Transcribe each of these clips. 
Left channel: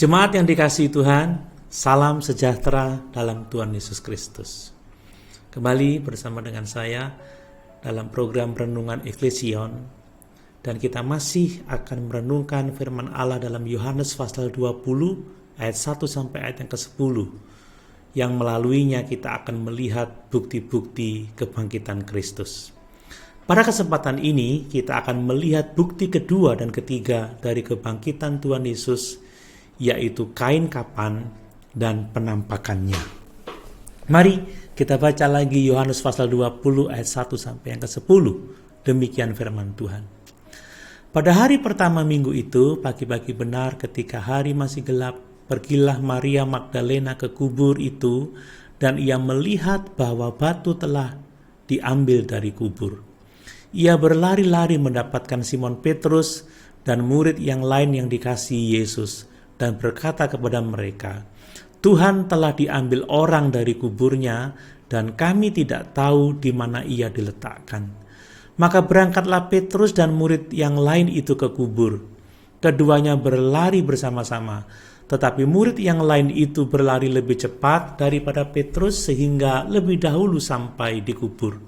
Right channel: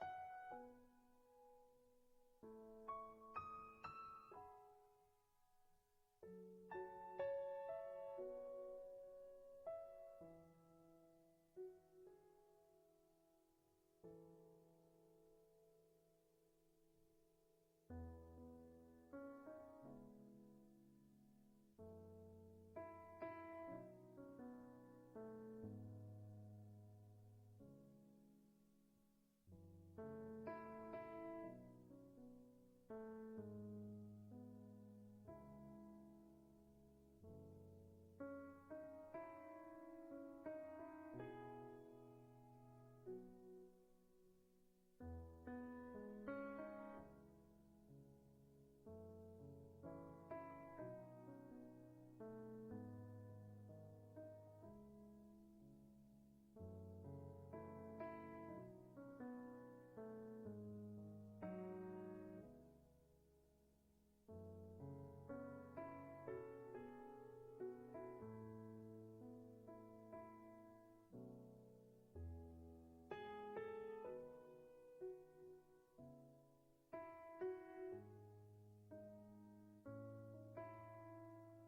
Jemaat yang dikasihi Tuhan, salam sejahtera dalam Tuhan Yesus Kristus. Kembali bersama dengan saya dalam program Renungan Eklesion, dan kita masih akan merenungkan firman Allah dalam Yohanes pasal 20 ayat 1 sampai ayat yang ke-10, yang melaluinya kita akan melihat bukti-bukti kebangkitan Kristus. Pada kesempatan ini kita akan melihat bukti kedua dan ketiga dari kebangkitan Tuhan Yesus, yaitu kain kapan dan penampakannya. Mari kita baca lagi Yohanes pasal 20 ayat 1 sampai yang ke-10. Demikian firman Tuhan. Pada hari pertama minggu itu, pagi-pagi benar ketika hari masih gelap, pergilah Maria Magdalena ke kubur itu, dan ia melihat bahwa batu telah diambil dari kubur. Ia berlari-lari mendapatkan Simon Petrus dan murid yang lain yang dikasihi Yesus, dan berkata kepada mereka, "Tuhan telah diambil orang dari kuburnya, dan kami tidak tahu di mana ia diletakkan." Maka berangkatlah Petrus dan murid yang lain itu ke kubur. Keduanya berlari bersama-sama, tetapi murid yang lain itu berlari lebih cepat daripada Petrus sehingga lebih dahulu sampai di kubur.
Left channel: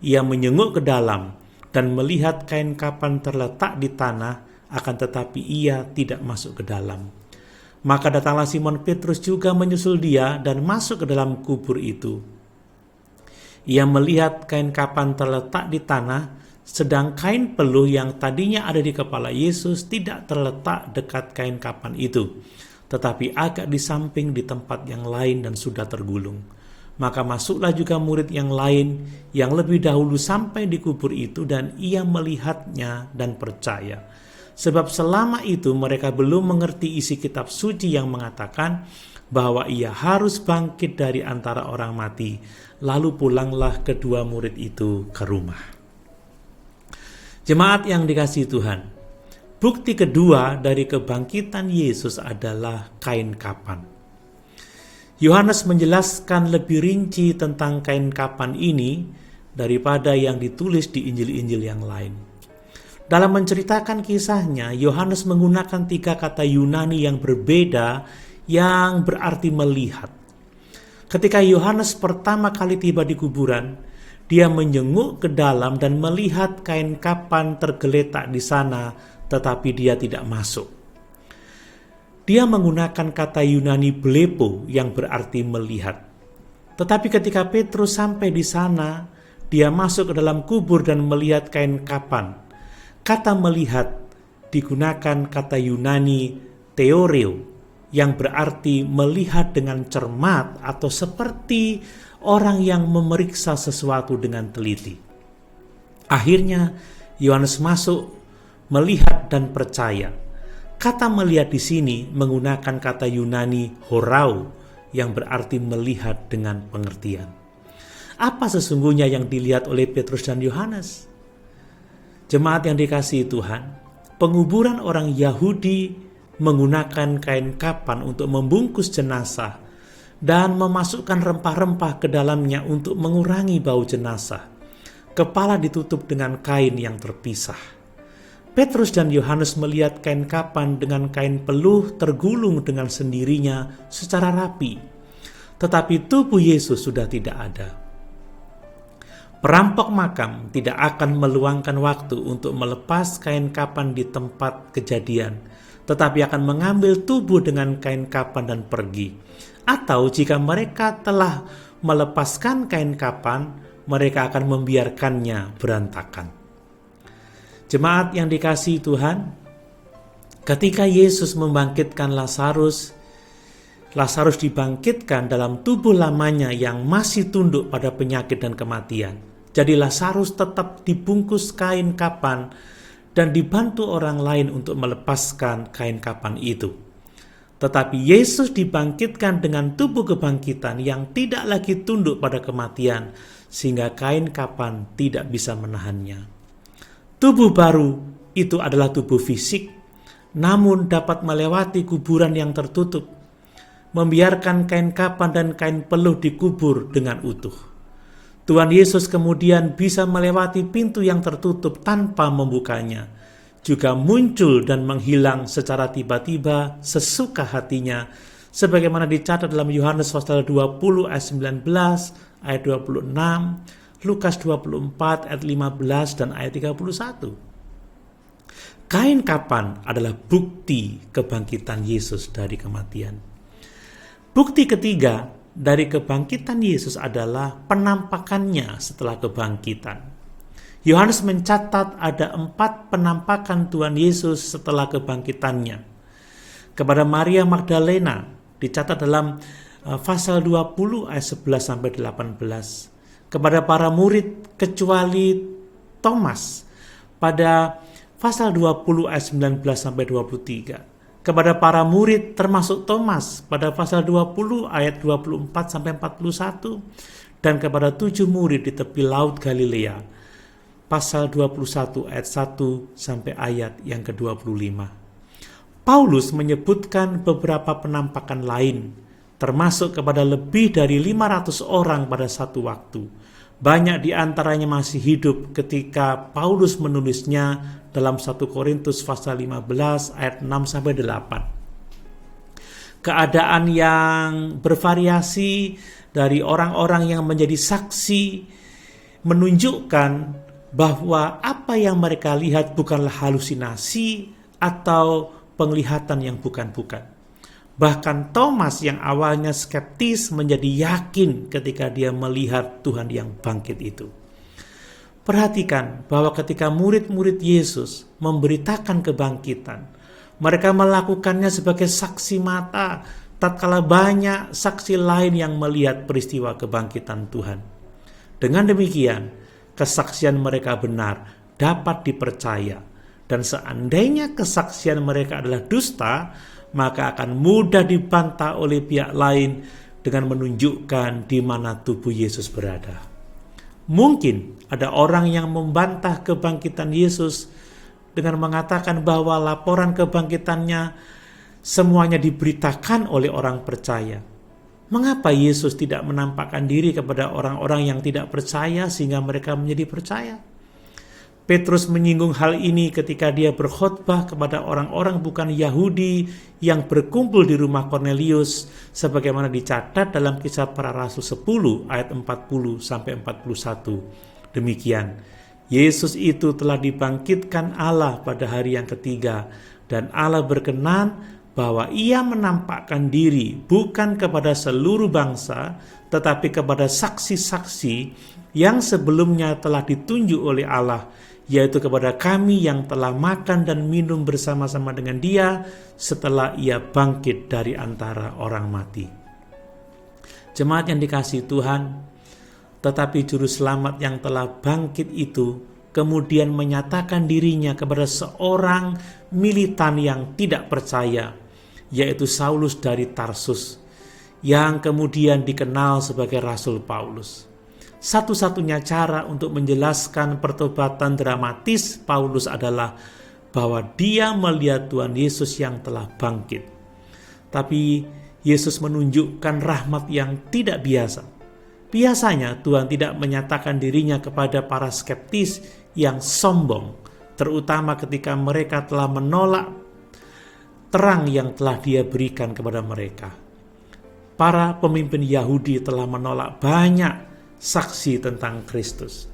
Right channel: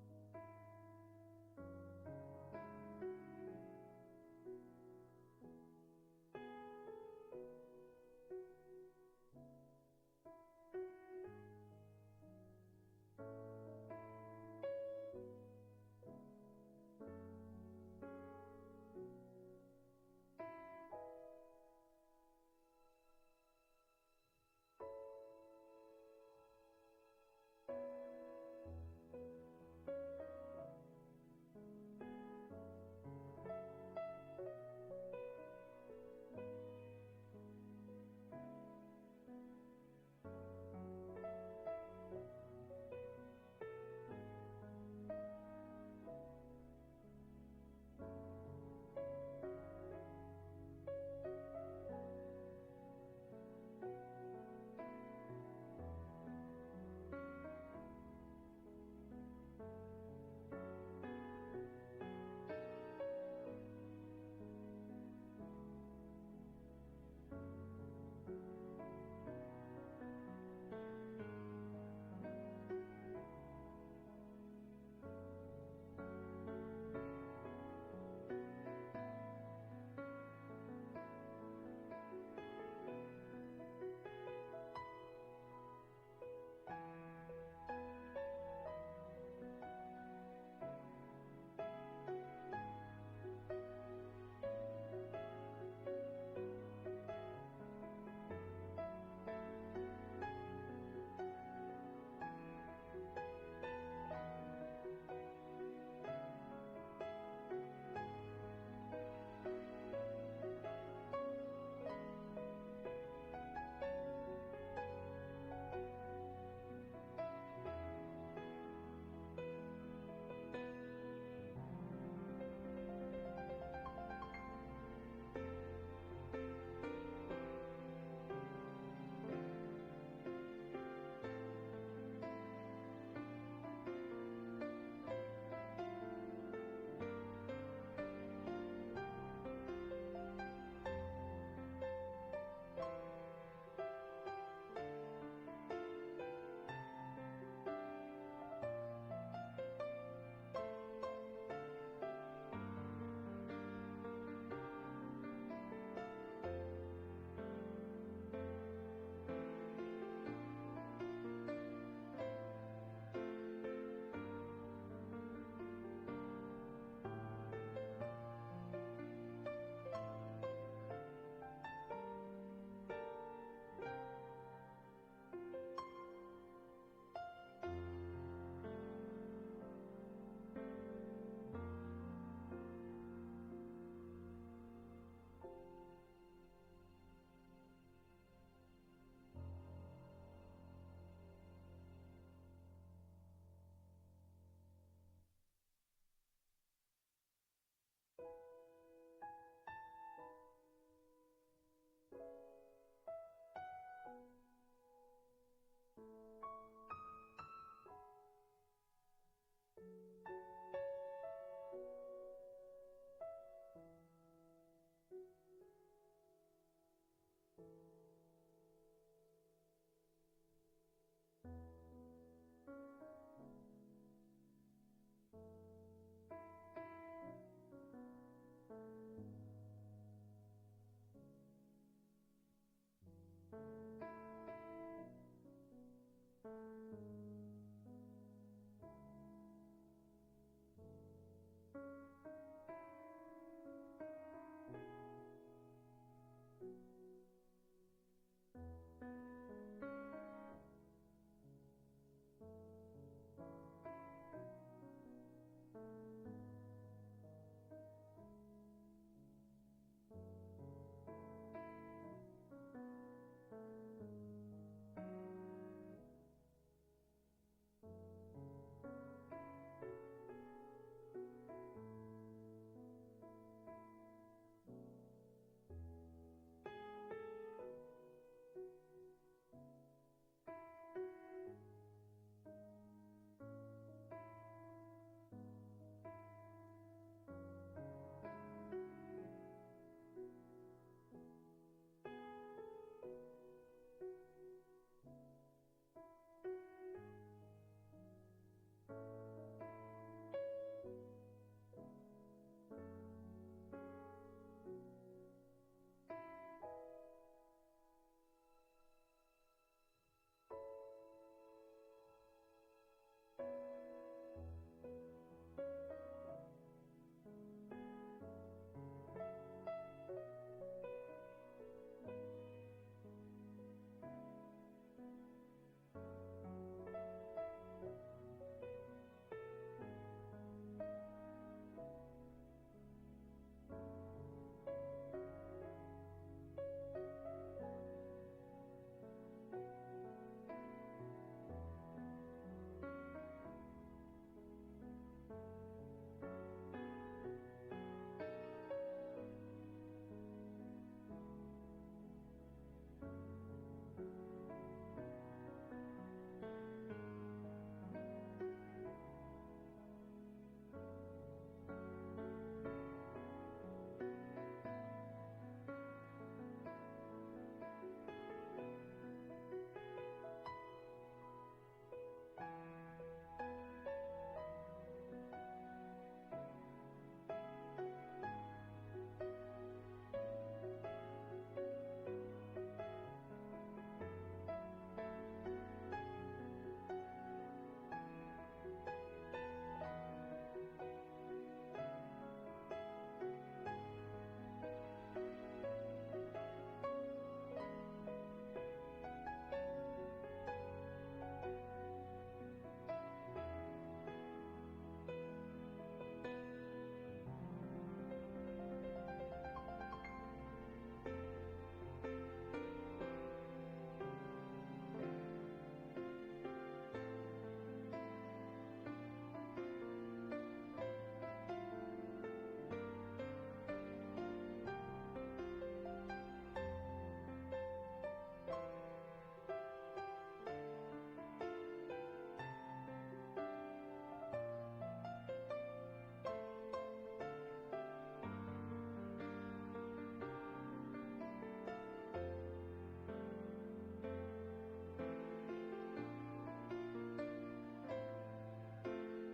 Ia menyenguk ke dalam dan melihat kain kapan terletak di tanah, akan tetapi ia tidak masuk ke dalam. Maka datanglah Simon Petrus juga menyusul dia dan masuk ke dalam kubur itu. Ia melihat kain kapan terletak di tanah, sedang kain peluh yang tadinya ada di kepala Yesus tidak terletak dekat kain kapan itu, tetapi agak di samping di tempat yang lain dan sudah tergulung. Maka masuklah juga murid yang lain yang lebih dahulu sampai di kubur itu, dan ia melihatnya dan percaya. Sebab selama itu mereka belum mengerti isi kitab suci yang mengatakan bahwa ia harus bangkit dari antara orang mati. Lalu pulanglah kedua murid itu ke rumah. Jemaat yang dikasihi Tuhan, bukti kedua dari kebangkitan Yesus adalah kain kapan. Yohanes menjelaskan lebih rinci tentang kain kapan ini daripada yang ditulis di Injil-Injil yang lain. Dalam menceritakan kisahnya, Yohanes menggunakan 3 kata Yunani yang berbeda yang berarti melihat. Ketika Yohanes pertama kali tiba di kuburan, dia menyenguk ke dalam dan melihat kain kapan tergeletak di sana, tetapi dia tidak masuk. Dia menggunakan kata Yunani blepo yang berarti melihat. Tetapi ketika Petrus sampai di sana, dia masuk ke dalam kubur dan melihat kain kapan. Kata melihat digunakan kata Yunani theoreo yang berarti melihat dengan cermat atau seperti orang yang memeriksa sesuatu dengan teliti. Akhirnya Yohanes masuk, melihat dan percaya. Kata melihat di sini menggunakan kata Yunani horau yang berarti melihat dengan pengertian. Apa sesungguhnya yang dilihat oleh Petrus dan Yohanes? Jemaat yang dikasihi Tuhan, penguburan orang Yahudi menggunakan kain kapan untuk membungkus jenazah dan memasukkan rempah-rempah ke dalamnya untuk mengurangi bau jenazah. Kepala ditutup dengan kain yang terpisah. Petrus dan Yohanes melihat kain kapan dengan kain peluh tergulung dengan sendirinya secara rapi. Tetapi tubuh Yesus sudah tidak ada. Perampok makam tidak akan meluangkan waktu untuk melepas kain kapan di tempat kejadian, tetapi akan mengambil tubuh dengan kain kapan dan pergi. Atau jika mereka telah melepaskan kain kapan, mereka akan membiarkannya berantakan. Jemaat yang dikasihi Tuhan, ketika Yesus membangkitkan Lazarus dibangkitkan dalam tubuh lamanya yang masih tunduk pada penyakit dan kematian. Jadi Lazarus tetap dibungkus kain kapan dan dibantu orang lain untuk melepaskan kain kapan itu. Tetapi Yesus dibangkitkan dengan tubuh kebangkitan yang tidak lagi tunduk pada kematian, sehingga kain kapan tidak bisa menahannya. Tubuh baru itu adalah tubuh fisik, namun dapat melewati kuburan yang tertutup, membiarkan kain kapan dan kain peluh dikubur dengan utuh. Tuhan Yesus kemudian bisa melewati pintu yang tertutup tanpa membukanya. juga muncul dan menghilang secara tiba-tiba sesuka hatinya, sebagaimana dicatat dalam Yohanes pasal 20 ayat 19, ayat 26, Lukas 24 ayat 15 dan ayat 31. Kain kapan adalah bukti kebangkitan Yesus dari kematian. Bukti ketiga dari kebangkitan Yesus adalah penampakannya setelah kebangkitan. Yohanes mencatat ada 4 penampakan Tuhan Yesus setelah kebangkitannya. Kepada Maria Magdalena dicatat dalam pasal 20 ayat 11 sampai 18. Kepada para murid kecuali Thomas pada pasal 20 ayat 19 sampai 23. Kepada para murid termasuk Thomas pada pasal 20 ayat 24 sampai 41, dan kepada 7 murid di tepi laut Galilea pasal 21 ayat 1 sampai ayat yang ke-25. Paulus menyebutkan beberapa penampakan lain, termasuk kepada lebih dari 500 orang pada satu waktu. Banyak di antaranya masih hidup ketika Paulus menulisnya dalam 1 Korintus pasal 15 ayat 6 sampai 8. Keadaan yang bervariasi dari orang-orang yang menjadi saksi menunjukkan bahwa apa yang mereka lihat bukanlah halusinasi atau penglihatan yang bukan-bukan. Bahkan Thomas yang awalnya skeptis menjadi yakin ketika dia melihat Tuhan yang bangkit itu. Perhatikan bahwa ketika murid-murid Yesus memberitakan kebangkitan, mereka melakukannya sebagai saksi mata, tatkala banyak saksi lain yang melihat peristiwa kebangkitan Tuhan. Dengan demikian, kesaksian mereka benar, dapat dipercaya, dan seandainya kesaksian mereka adalah dusta, maka akan mudah dibantah oleh pihak lain dengan menunjukkan di mana tubuh Yesus berada. Mungkin ada orang yang membantah kebangkitan Yesus dengan mengatakan bahwa laporan kebangkitannya semuanya diberitakan oleh orang percaya. Mengapa Yesus tidak menampakkan diri kepada orang-orang yang tidak percaya sehingga mereka menjadi percaya? Petrus menyinggung hal ini ketika dia berkhotbah kepada orang-orang bukan Yahudi yang berkumpul di rumah Kornelius, sebagaimana dicatat dalam Kisah Para Rasul 10 ayat 40 sampai 41. Demikian, Yesus itu telah dibangkitkan Allah pada hari yang ketiga, dan Allah berkenan bahwa ia menampakkan diri bukan kepada seluruh bangsa, tetapi kepada saksi-saksi yang sebelumnya telah ditunjuk oleh Allah, yaitu kepada kami yang telah makan dan minum bersama-sama dengan dia setelah ia bangkit dari antara orang mati. Jemaat yang dikasihi Tuhan, tetapi juru selamat yang telah bangkit itu kemudian menyatakan dirinya kepada seorang militan yang tidak percaya, yaitu Saulus dari Tarsus, yang kemudian dikenal sebagai Rasul Paulus. Satu-satunya cara untuk menjelaskan pertobatan dramatis Paulus adalah bahwa dia melihat Tuhan Yesus yang telah bangkit. Tapi Yesus menunjukkan rahmat yang tidak biasa. Biasanya Tuhan tidak menyatakan dirinya kepada para skeptis yang sombong, terutama ketika mereka telah menolak terang yang telah dia berikan kepada mereka. Para pemimpin Yahudi telah menolak banyak saksi tentang Kristus.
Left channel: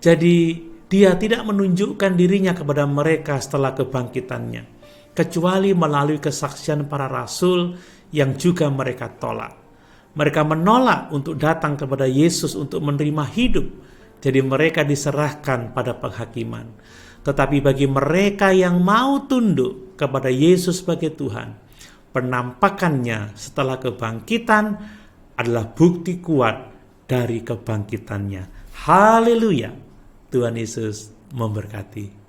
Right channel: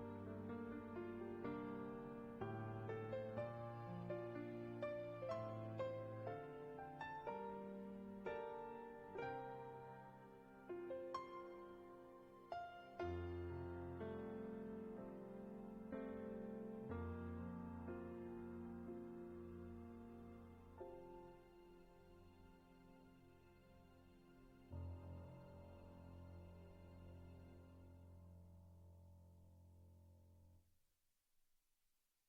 Jadi dia tidak menunjukkan dirinya kepada mereka setelah kebangkitannya, kecuali melalui kesaksian para rasul yang juga mereka tolak. Mereka menolak untuk datang kepada Yesus untuk menerima hidup, jadi mereka diserahkan pada penghakiman. Tetapi bagi mereka yang mau tunduk kepada Yesus sebagai Tuhan, penampakannya setelah kebangkitan adalah bukti kuat dari kebangkitannya. Haleluya! Tuhan Yesus memberkati.